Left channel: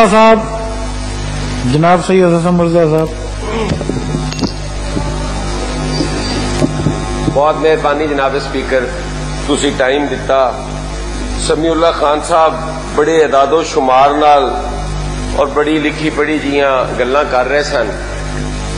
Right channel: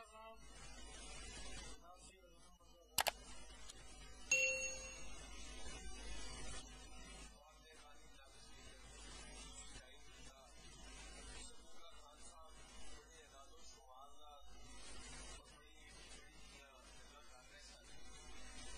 साहब जनाब सैयद हसन मिर्जा साहब, बहुत मेहरबानी जनाब स्पीकर, तुसी टाइम दिता। समीउल्लाह खान साहब बड़े अदादो शुमार नाल और बड़ी लिखी पढ़ी जियां गल्लां कर रहे सन।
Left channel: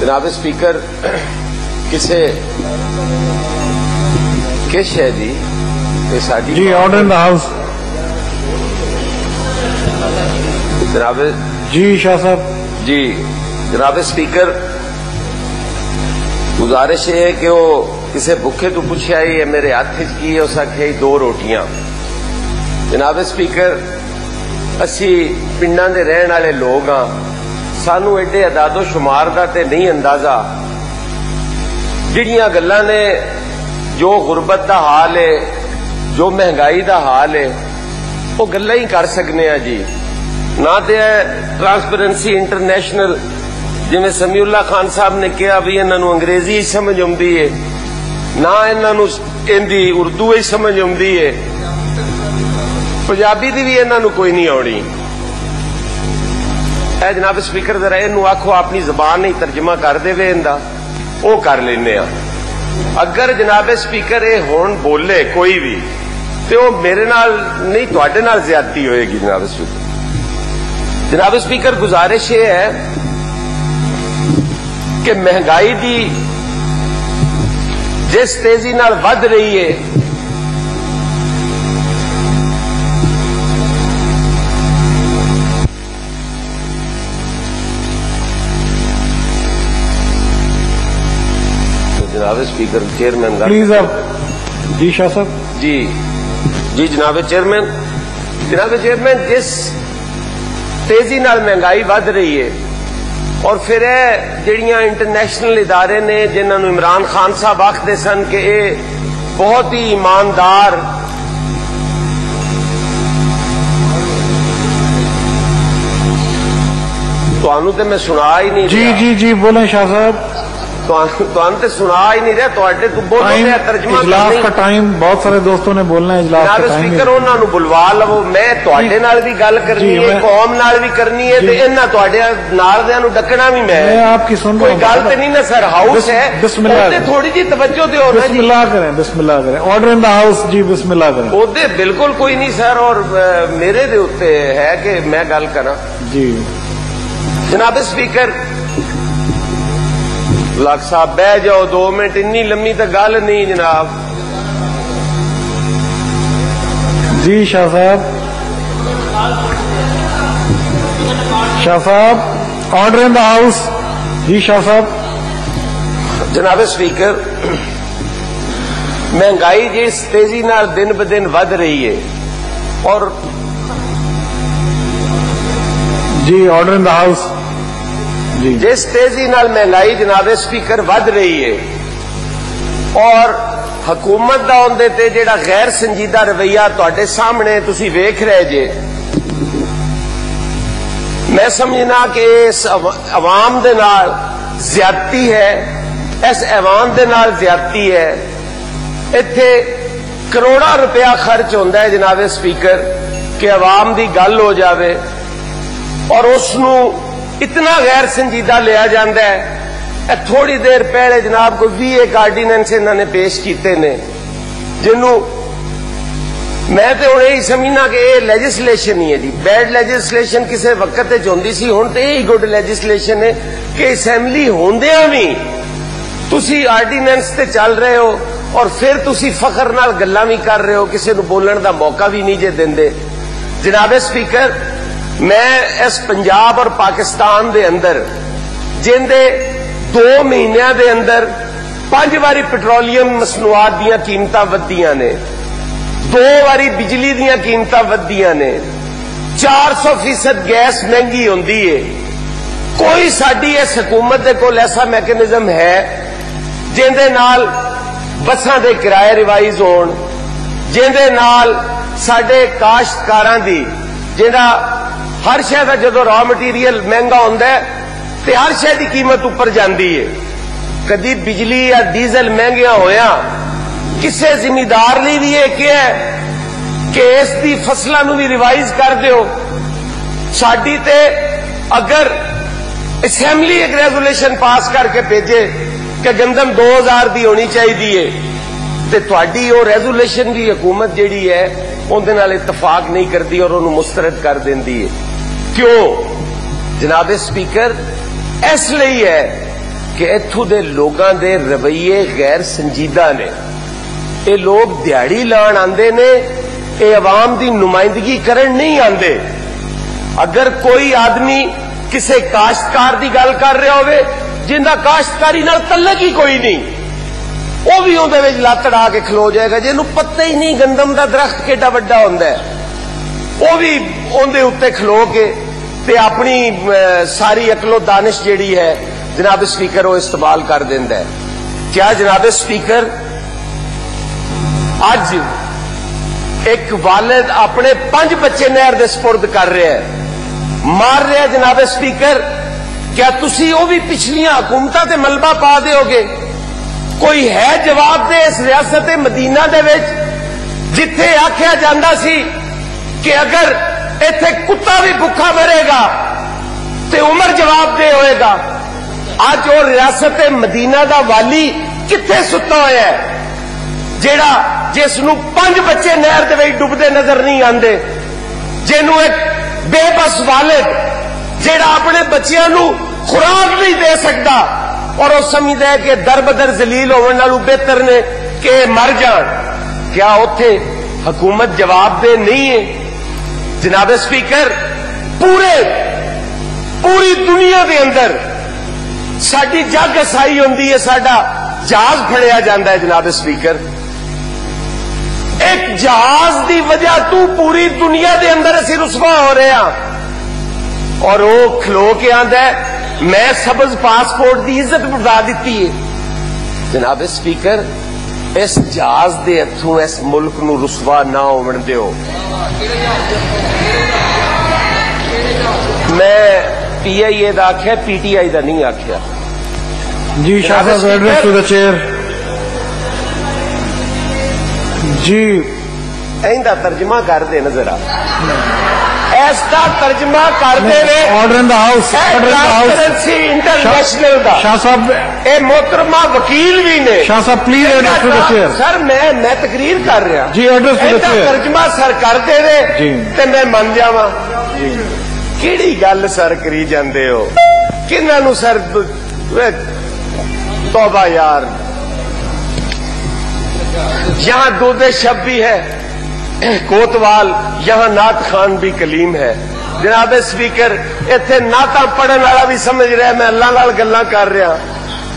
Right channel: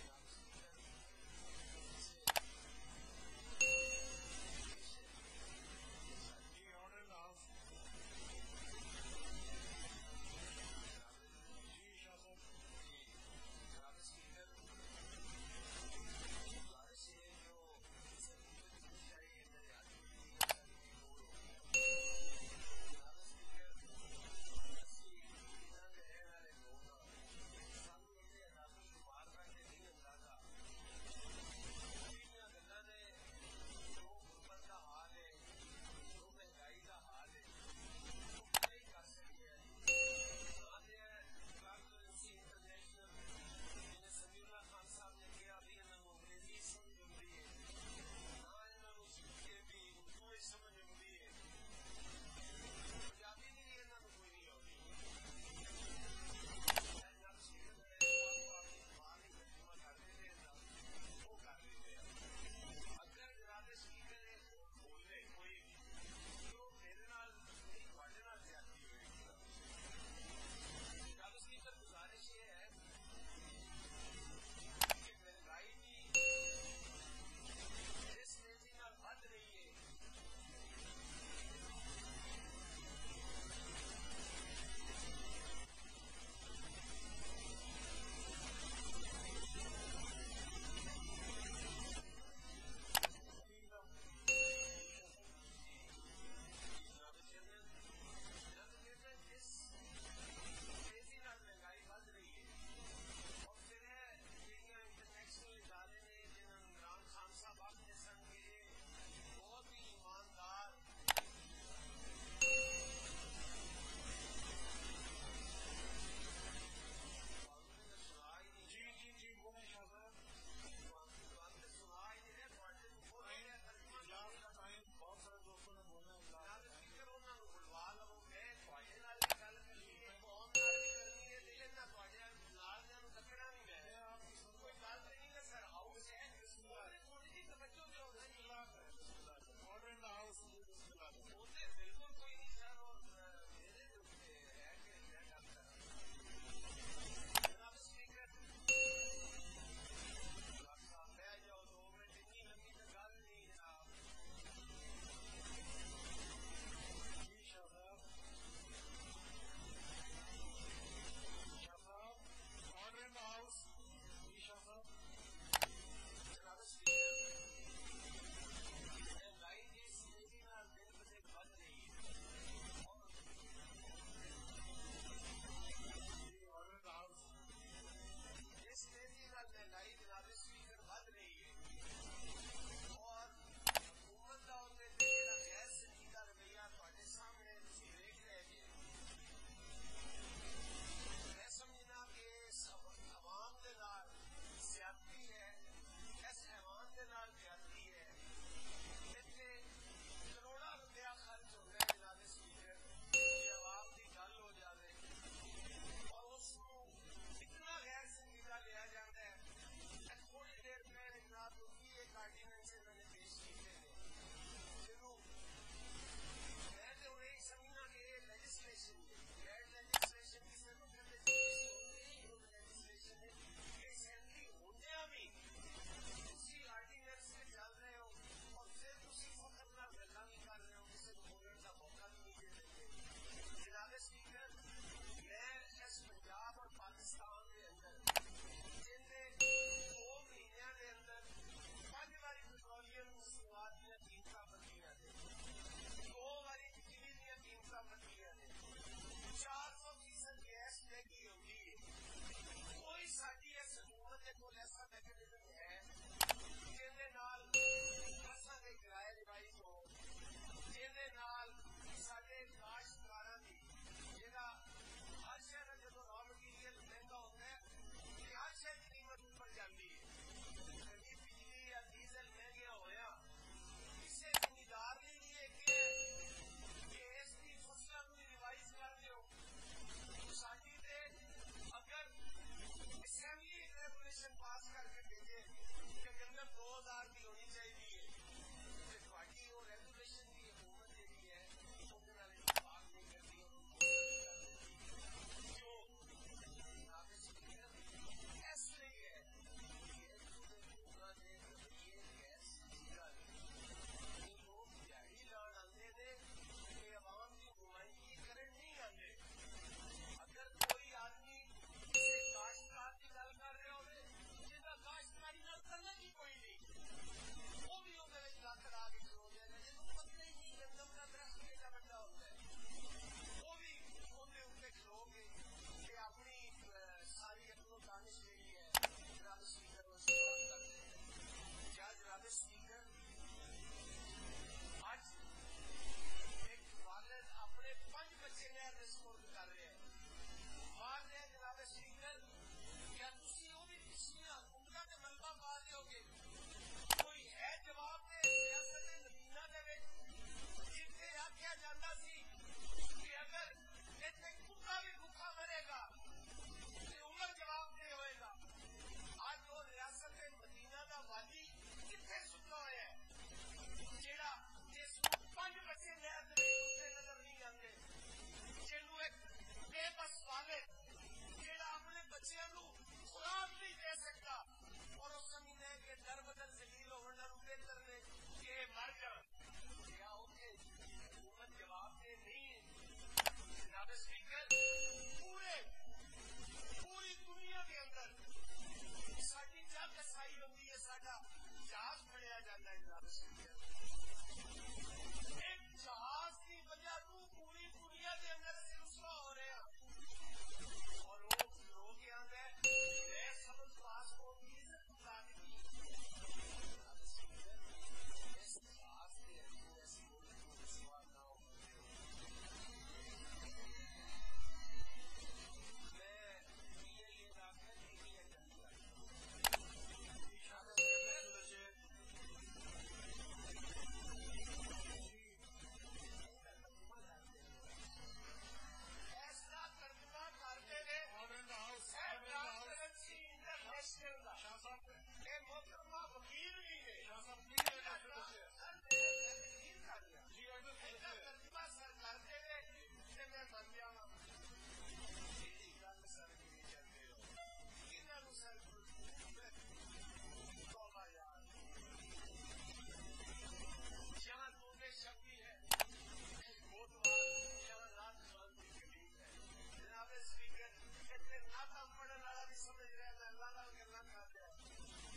जनाब स्पीकर, किसे किश है जी ये साडी जी ऑर्डर इन द हाउस। जनाब जी शाह साहब। जी जनाब स्पीकर, गुजारिश है कि वो किसी भुखे तो पूछा ही मेरे हाथ की है, उस आखे 2 रोटियां। जनाब स्पीकर, असी पिंडां दे रहन वाले लोग हाँ, सानू एडे अदादो शुमार दा ते नहीं अंदाजा। जिहड़ियां गल्लां ने, जो गुरबत दा हाल है, जो महंगाई दा हाल है, वो गल्लां ही कर सकने हैं जी। ना तो ट्रांसपेरेंसी इंटरनेशनल जिवें समीउल्लाह खान साहब ने कहा भी इन्हों अंग्रेजी ही समझ आती है, ना इन्हों इनकी उर्दू ही समझ आती है, पंजाबी की भी इन्हों कोई नहीं आनी। जनाब स्पीकर जरा इनू आखो अपनी जबान ही तर्जमा कर दे, इनका वो कर लेने। अगर जनाब स्पीकर ये हुण बोले कोई भी तो वो मेरे नाल नहीं तुहाडे नाल ज्यादती होएगी। जनाब स्पीकर, जनाब स्पीकर, गुजारिश ये है कि महंगाई दी जिस तेजी नाल वध रही है, तो जनाब स्पीकर चेयरमैन प्लीज अब जी शाह साहब। जी जी जनाब चेयरमैन, जनाब चेयरमैन, जिस तेजी नाल महंगाई वध रही है और फिर जिहड़ियां इंटरनेशनल इदारे ने जिन्होंने इमरान खान साहब आखते सन कि ये बहुत ही ईमानदार तुहानू तो मैं सुना ही नहीं जी रहा। जी जी बोलें शाह साहब। तुहानू तो सुना ही नहीं रहा, तुहाडे तो बोलो मैं तर्जमा इजलास का टाइम, बहुत सारे दोस्तों ने बोलना है इजलास का टाइम। स्पीकर उन्होंने बुलवा लवो, मैं तुहाडे नाल भी गल करनी है, कौम नाल भी करनी है, ते इन्हां तुहाडे नाल दियां नूं डकना भी मैं आपकी सुन कोई गल तो नहीं ना सर। हाउस है, बिस्मिल्लाह थोड़ी जी तवज्जो दो ना जी। बिस्मिल्लाह करें, बिस्मिल्लाह करें। ऑर्डर इन द हाउस जी, बिस्मिल्लाह करें। ओदे बिल्कुल कोई नहीं सर, और मेरे दे उत्ते है कि मैं गल करा जी। जनाब स्पीकर, लाख साहब बह जाओ 2 मिनट, इन्नी लम्मी तो गल नहीं जनाब। जी शाह साहब। शाह साहब, ऑर्डर इन द हाउस। जी शाह साहब। जनाब स्पीकर, महंगाई जिस तेजी नाल दिन ब दिन वध रही है और जी ऑर्डर इन द हाउस जी। जिस तेजी नाल महंगाई जनाब स्पीकर वध रही है और हुकूमत दा उहदे ते जिहड़ा गैर संजीदा रवैया तुहाडे सामने तुसी वेख रहे जे, मैं समझना कि इस अवाम दे नाल ज्यादती है, इस ऐवान दे नाल ज्यादती है। इत्थे करोड़ा रुपया खर्च होंदा है जनाब स्पीकर कि अवाम दी गल हो जावे और उसनू इतना गैर संजीदा लिया जाता है। थोड़ी देर पहले जनाब को 20 आर्डीनेंस इन्होंने पेश किए ने, जिन्हों मैं तो हूं यही समझना कि यह लैजिस्लेशन ही है जी। बैड लैजिस्लेशन किसी वक्त होंदी सी, हुण तो यही गुड लैजिस्लेशन है कि असैम्बली होंदियां भी तुसी आर्डीनेंस ते चल रहे हो और फिर तुसी फखर नाल गल्लां भी कर रहे हो, किसी नूं बोलण दा मौका भी नहीं जे दिंदे। जनाब स्पीकर, मैं इस पंजाब और पाकिस्तान दे अंदर जिंदे 2 महीनों दे अंदर 5 बारी पेट्रोलियम मसनूआत दीयां कीमतां वधियां ने, 2 बारी बिजली दीयां कीमतां वधियां ने, 400% गैस महंगी होंदी है। कोई साडी इस हुकूमत दे कोल ऐसा मैकेनिज्म है जिंदे नाल बसां दे किराए रिवाइज होण, जिंदे नाल साडे काश्तकारां दी जिहड़ा हर शय का जो रॉ मटीरियल महंगा होंदा है तो हर शय की कीमत उपर जाती है। कदी बिजली या डीजल महंगिया होया किसी जिमीदार लिए भी यह क्या है कि इस दी फसलों भी रिवाइज कर दियो, साडी ते अगर असैम्बली एक रेजोल्यूशन पास करके भेजे कि गंदम 2000 की होनी चाहिए तो तुहाडी वो रेजोल्यूशन की हुकूमत जिहड़ी है उहदे नाल इतफाक नहीं करती और उन्होंने मुस्तरद कर देंदी है। क्यों जनाब स्पीकर? इसलिए है कि इत्थों दे लोगां दे रवैये गैर संजीदा ने। ये लोग दिहाड़ी लाण आंदे ने, ये अवाम की नुमाइंदगी करन नहीं आंदे। अगर कोई आदमी किसी काश्तकार की गल कर रहा होवे जिंदा काश्तकारी नाल तल्लक ही कोई नहीं, वो भी उहदे विच लत्त अड़ा के खलो जाएगा। जिन्हों पता ही नहीं गंदम का दरख्त केडा वड्डा हुंदा है, वो भी उहदे उत्ते खलो के ते अपनी सारी अकलो दानिश जिहड़ी है जनाब स्पीकर वो इस्तेमाल कर देंदा है। क्या जनाब स्पीकर अज एक वालिद अपने 5 बच्चे नहर दे सपुर्द कर रहे हैं, मार रहे हैं जनाब स्पीकर? क्या तुसी वो भी पिछलियां हुकूमतां ते मलबा पा दोगे? कोई है जवाब दे इस रियासत मदीना दे विच जिथे आख्या जांदा सी कि अगर इत्थे कुत्ता भी भुखा मरेगा ते उमर जवाब दे होएगा। अज वो रियासत मदीना दा वाली किथे सुता होया है जेड़ा जिसनू 5 बच्चे नहर दे विच डुबदे नजर नहीं आंदे, जिन्हों एक बेबस वालिद जेड़ा अपने बच्चियां नू खुराक नहीं दे सकता और वो समझदा है कि दर बदर जलील होने नालों बेहतर ने कि मर जान। क्या उत्थे हुकूमत जवाब दे नहीं है? जनाब स्पीकर पूरी दुनिया के अंदर साडी जग असाई होंदी है, साडा जहाज फड़िया जाता है। जनाब स्पीकर एक जहाज की वजह तू पूरी दुनिया के अंदर असी रुसवा हो रहे हैं और वो खलो के आंदा है मैं सबज पासपोर्ट की इज्जत बढ़ा दी है। जनाब स्पीकर इस जहाज के हथों इस मुल्क नू रुसवा ना होवन दिओ। मैं PIA का आख्या, PTI का नहीं आख्या जी। शाह साहब एड्रेस टू द चेयर जी। इनका तर्जमा कर दे नजर आ, इसका तर्जमा कर दे। Order in the house, transparency international का शाह साहब, ए मोहतरमा वकील भी ने। शाह साहब please address to the chair. Sir मैं तकरीर कर रहा जी, एड्रेस टू द चेयर। तर्जमा सर कर दे जी ते मैं मन जावा। किहड़ी गल सर करी जांदे हो? किन्हां नूं सर तौबा यार। यहां दूध शब भी है कोतवाल, यहां नात खान भी कलीम है। जनाब स्पीकर इत्थे नाता पढ़न वाला भी समझ रहा है मैं अल्लाह नाल गल्लां कर रहा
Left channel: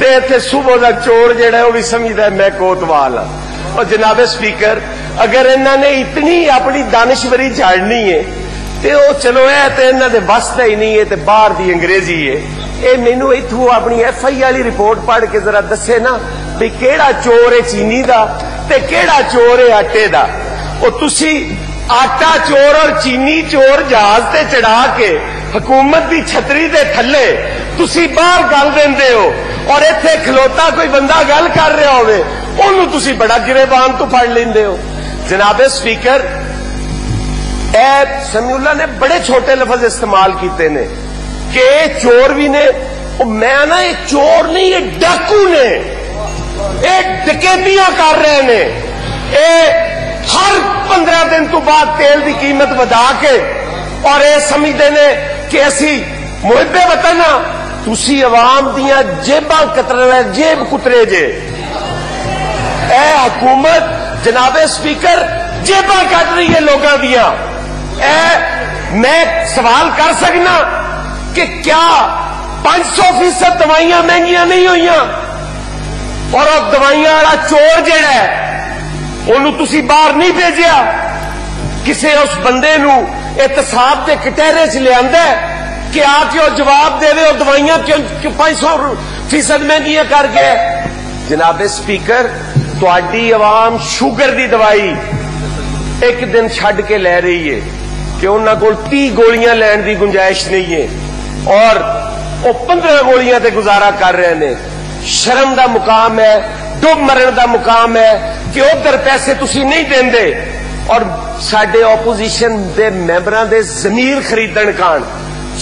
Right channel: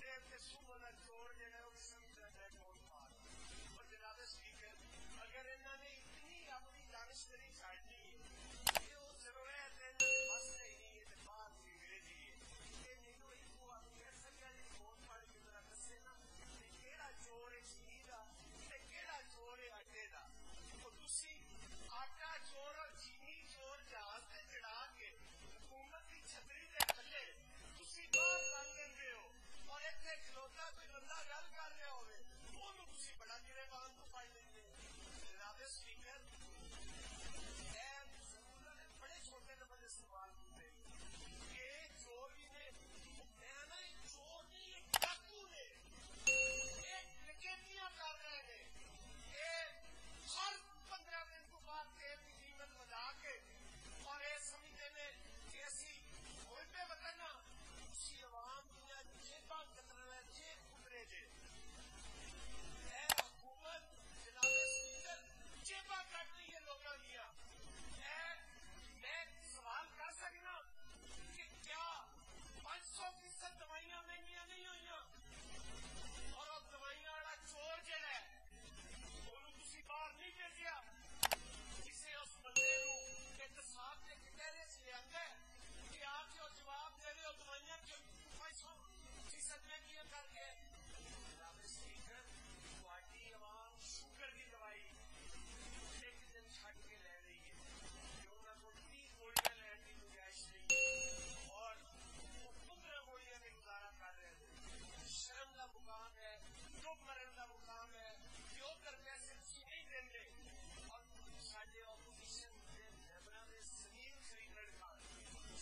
ते इत्थे सुबह दा चोर जेड़ा वो भी समझदा है मैं कोतवाल हां। और जनाब स्पीकर अगर इन्होंने इतनी अपनी दानिशवरी झाड़नी है ते वो चलो है तो इन्हों दे बस ही नहीं है, तो बाहर दी अंग्रेजी है। ये मैनू इथों अपनी FI वाली रिपोर्ट पढ़ के जरा दसे ना भी केड़ा चोर है चीनी दा ते केड़ा चोर है आटे दा। वो तुसी आटा चोर और चीनी चोर जहाज ते चढ़ा के हुकूमत की छतरी दे थले तुसी बाहर गल देंदे हो और इत्थे खलोता कोई बंदा गल कर रहा होवे ओनू तुसी बड़ा गिरेबान तो फड़ लेंदे हो। जनाब स्पीकर समीउल्लाह ने बड़े छोटे लफज इस्तेमाल किए ने कि चोर भी ने। मैं ना ये चोर नहीं ये डाकू ने, ये डकैतियां कर रहे ने। ये हर 15 दिन तो बाद तेल की कीमत बढ़ा के और ये समझते ने कि असी मुहिबे वतन हाँ, तुसी अवाम दियां जेबां कतरे जेब कुतरे जे। ए हुकूमत जनाब स्पीकर जेबां कट रही है लोगों दियां। मैं सवाल कर सकना कि क्या 500% दवाइयां महंगियां नहीं हुई और अब दवाइयां वाला चोर जेड़ा है ओनू तुसी बाहर नहीं भेजिया, किसी उस बंदे नू एहतसाब के कटहरे च लियांदा है कि आके वो जवाब दे और दवाइयां क्यों 500% महंगियां कर गए। जनाब स्पीकर तुहाडी अवाम शुगर की दवाई एक दिन छड़ के ले रही है कि उन्हां कोल 30 गोलियां लैण की गुंजाइश नहीं है और वो 15 गोलियां ते गुजारा कर रहे हैं। शर्म का मुकाम है, डुब मरण का मुकाम है कि उधर पैसे तुसी नहीं देंदे اور ਸਾਡੇ ਆਪੋਜੀਸ਼ਨ ਦੇ ਮੈਂਬਰਾਂ ਦੇ ਜ਼ਮੀਰ ਖਰੀਦਣ ਕਾਣ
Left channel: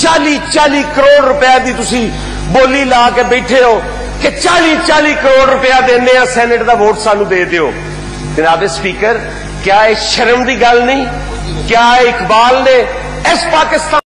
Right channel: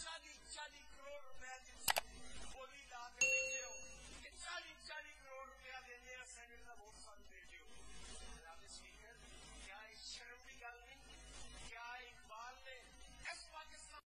40 ਕਰੋੜ रुपए ਦੀ ਤੁਸੀਂ ਬੋਲੀ ਲਾ ਕੇ ਬੈਠੇ ਹੋ ਕਿ 40 ਕਰੋੜ रुपया देने ਸੈਨੇਟ ਦਾ ਵੋਟ ਸਾਨੂੰ ਦੇ ਦਿਓ। जनाब स्पीकर, क्या ये शर्म की गल नहीं? क्या इकबाल ने इस पाकिस्तान